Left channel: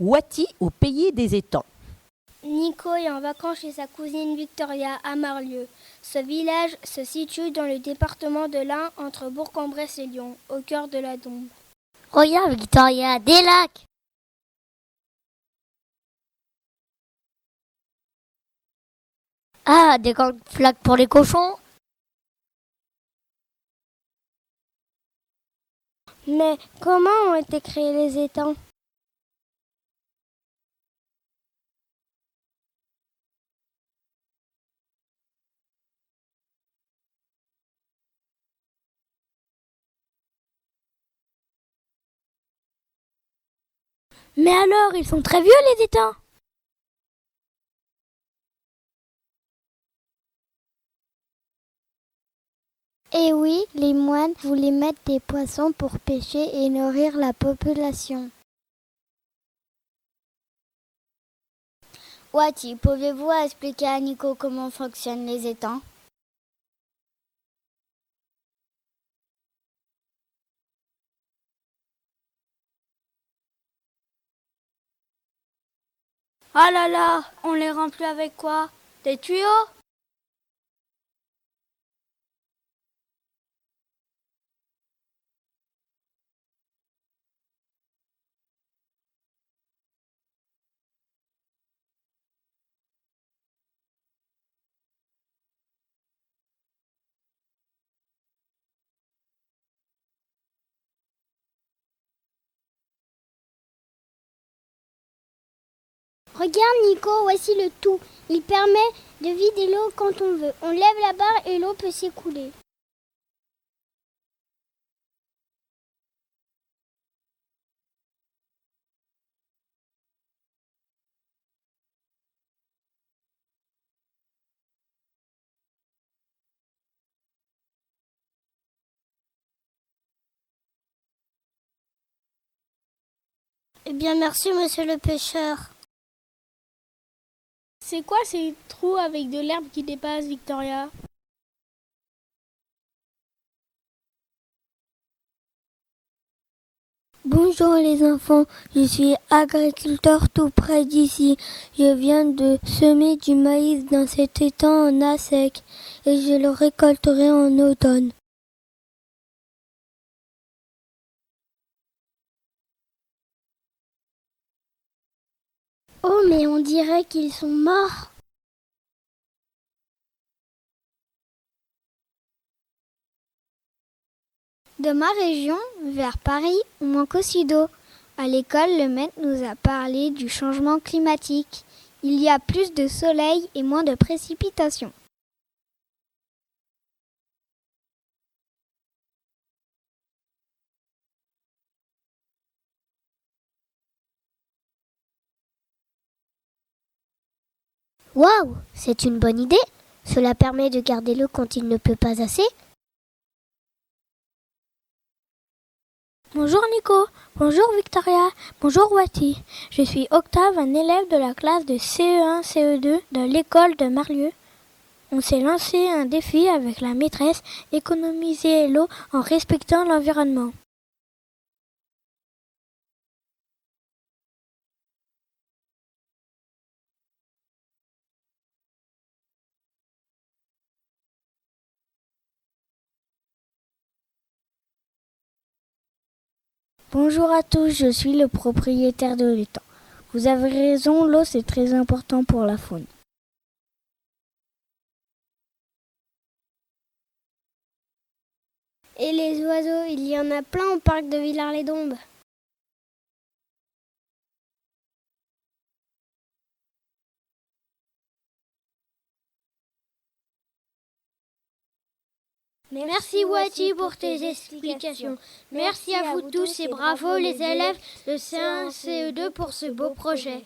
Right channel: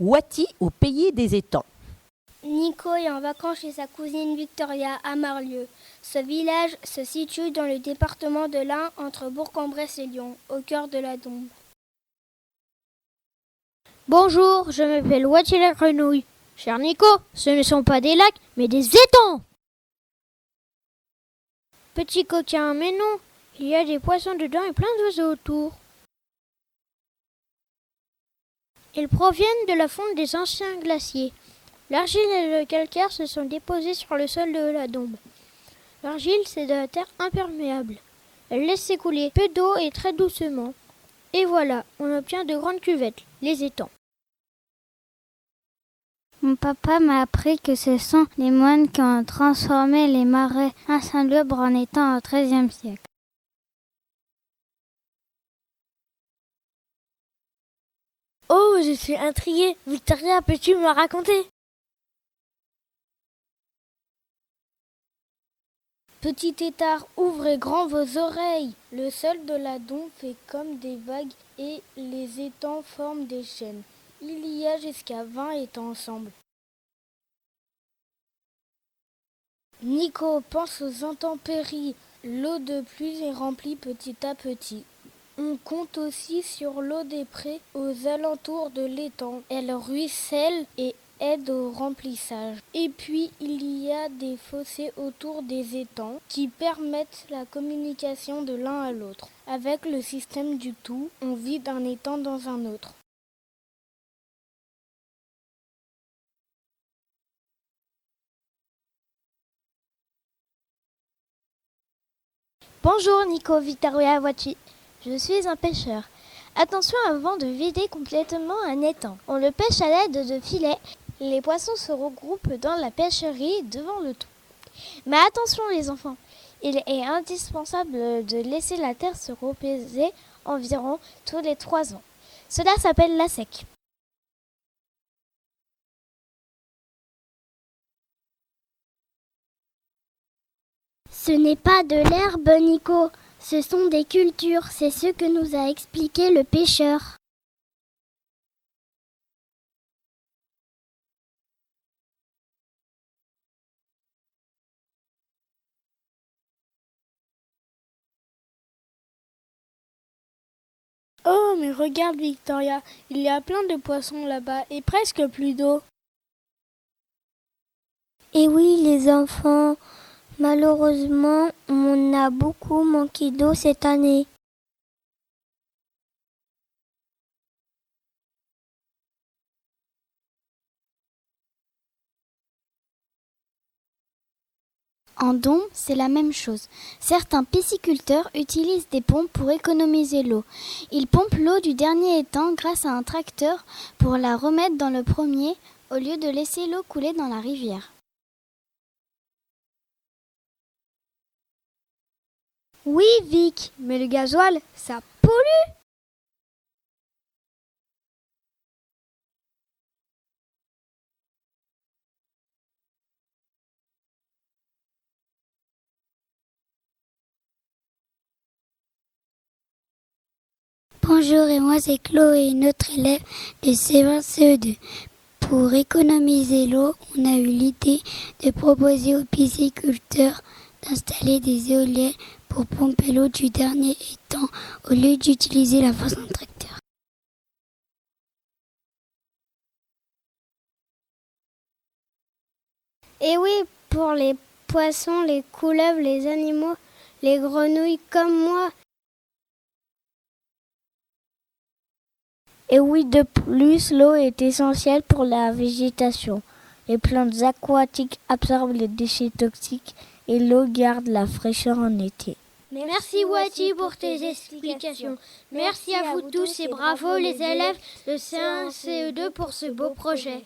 Wati au pays des étangs. Nico est en vacances chez sa cousine Victoria à Marlieu. Ce village se situe dans le département de l'Ain, entre Bourg-en-Bresse et Lyon, au cœur de la Dombe. Regarde Victoria, des lacs. Bonjour, je m'appelle Wati la grenouille. Cher Nico, ce ne sont pas des lacs, mais des étangs. Ah, des grandes flaques pour les cochons. Petit coquin, mais non, il y a des poissons dedans et plein d'oiseaux autour. Mais comment ont été créés les étangs? Ils proviennent de la fonte des anciens glaciers. L'argile et le calcaire se sont déposés sur le sol de la Dombe. L'argile, c'est de la terre imperméable. Elle laisse s'écouler peu d'eau et très doucement. Et voilà, on obtient de grandes cuvettes, les étangs. Mais alors, ils sont très vieux les étangs? Mon papa m'a appris que ce sont les moines qui ont transformé les marais insalubres en étangs au XIIIe siècle. Et oui, les moines voulaient mettre des poissons pour pêcher et nourrir la population. Oh, je suis intriguée. Victoria, peux-tu me raconter? Wati, pouvez-vous expliquer à Nico comment fonctionnent les étangs? Petit tétard, ouvrez grand vos oreilles. Le sol de la Dombe fait comme des vagues et les étangs forment des chaînes. Il y a jusqu'à 20 étangs ensemble. Ah là là, on les remplit avec quoi? Des tuyaux? Nico, pense aux intempéries. L'eau de pluie est remplie petit à petit. On compte aussi sur l'eau des prés aux alentours de l'étang. Elle ruisselle et aide au remplissage. Et puis, il y a des fossés autour des étangs qui permettent la communication de l'un à l'autre. Avec le système du tout, on vit d'un étang dans un autre. Regarde Nico, voici le tout. Il permet de vider l'eau quand on veut. On lève la barre et l'eau peut s'écouler. Bonjour Nico, Victoria Wati. Je suis un pêcheur. Attention avant de vider complètement un étang. On le pêche à l'aide de filets. Les poissons se regroupent dans la pêcherie devant le tout. Mais attention les enfants, il est indispensable de laisser la terre se reposer environ tous les 3 ans. Cela s'appelle la sec. Eh bien merci monsieur le pêcheur. C'est quoi ces trous avec de l'herbe qui dépasse, Victoria? Ce n'est pas de l'herbe, Nico. Ce sont des cultures. C'est ce que nous a expliqué le pêcheur. Bonjour les enfants, je suis agriculteur tout près d'ici. Je viens de semer du maïs dans cet étang en sec et je le récolterai en automne. Oh, mais regarde Victoria, il y a plein de poissons là-bas et presque plus d'eau. Oh, mais on dirait qu'ils sont morts. Et oui les enfants, malheureusement on a beaucoup manqué d'eau cette année. De ma région, vers Paris, on manque aussi d'eau. À l'école, le maître nous a parlé du changement climatique. Il y a plus de soleil et moins de précipitations. En Dombe, c'est la même chose. Certains pisciculteurs utilisent des pompes pour économiser l'eau. Ils pompent l'eau du dernier étang grâce à un tracteur pour la remettre dans le premier au lieu de laisser l'eau couler dans la rivière. Waouh, c'est une bonne idée. Cela permet de garder l'eau quand il ne pleut pas assez. Oui, Vic, mais le gasoil, ça pollue. Bonjour Nico, bonjour Victoria, bonjour Wati. Je suis Octave, un élève de la classe de CE1, CE2 de l'école de Marlieu. On s'est lancé un défi avec la maîtresse, économiser l'eau en respectant l'environnement. Bonjour et moi c'est Chloé, notre élève de CE1, CE2. Pour économiser l'eau, on a eu l'idée de proposer aux pisciculteurs d'installer des éoliennes pour pomper l'eau du dernier étang au lieu d'utiliser la force d'un tracteur. Bonjour à tous, je suis le propriétaire de l'étang. Vous avez raison, l'eau c'est très important pour la faune. Et oui, pour les poissons, les couleuvres, les animaux, les grenouilles comme moi et les oiseaux, il y en a plein au parc de Villars-les-Dombes. Et oui, de plus, l'eau est essentielle pour la végétation. Les plantes aquatiques absorbent les déchets toxiques et l'eau garde la fraîcheur en été. Merci Wati pour tes explications. Merci à vous tous et bravo les élèves de CE1, CE2 pour ce beau projet.